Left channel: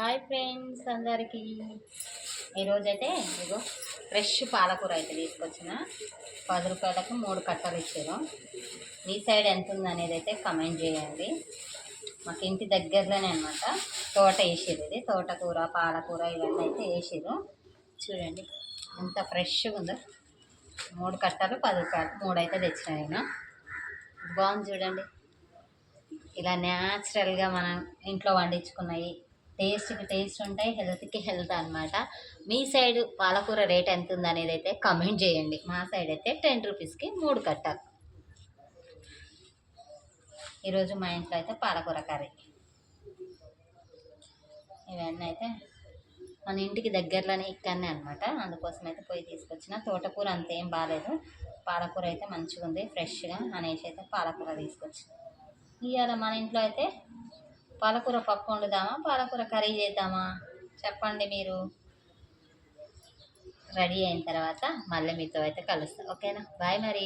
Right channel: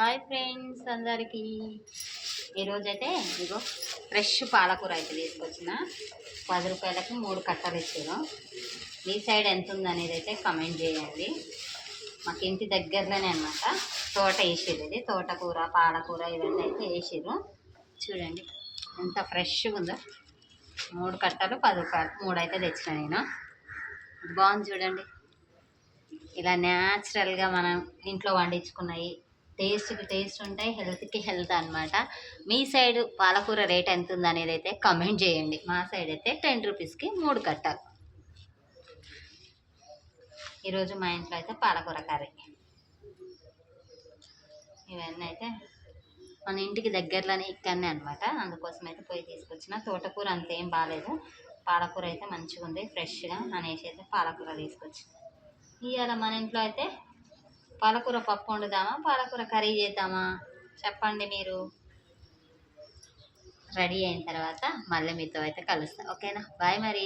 Hi friends అందరికీ. ఈరోజైతే ఇదిగో ఫ్రెష్ పాలకూర అయితే తీసుకొచ్చిన 10 రూపాయలకు 3 కట్టలు ఇచ్చారు. ఈ సైడ్ ఎంత ఉందనేది అయితే కమెంట్ చేయండి. మాకు ఇంటి దగ్గరలోనే అనమాట తోట వేసిరు. ఇది తోటకూర పాలకూర ఇవన్నీ అయితే వేసిరు. చూడండి ఎంత ఫ్రెష్గా ఉందో. 3 కట్టలు 10 రూపాయలు, 3 అయితే తెచ్చిన నేను. బాగుంది చూడండి. ఇలా న్యాచురల్గా మనం ఇంట్లో వండించుకున్నాయి టేస్ట్కి టేస్ట్ ఉంటాయి, హెల్త్కి హెల్త్ అనమాట. మీ సైడ్ పాలకూర రేట్ ఎంత ఉంది అనేది అయితే కమెంట్ చేయండి. మా సైడ్ అయితే 10 రూపీస్కి 3 కట్టాలి. ఈరోజు మా ఇంట్లో అయితే పాలకూర కర్రీ. ఇవన్నీ అయితే మన ఇంటికి దగ్గరలోనే ఇక్కడనే అనమాట. అందుకోసం అయితే పోయి తీసుకొచ్చిన. తోటకూర అంతేం బాగాలేదు, పాలకూర అయితే మంచిగా ఉంది ఫ్రెష్గా అనేసి అయితే పాలకూర తీసుకొచ్చిన. ఇవాళ మన ఇంట్లో అయితే పాలకూర పప్పు వండుదామా, పాలకూర కర్రీ చేద్దామా చెప్పండి మీరు. రెడీ అయిన తర్వాత మళ్ళీ మీతో అయితే కలుస్తాను. ఓకేనా, బాయ్ మరి.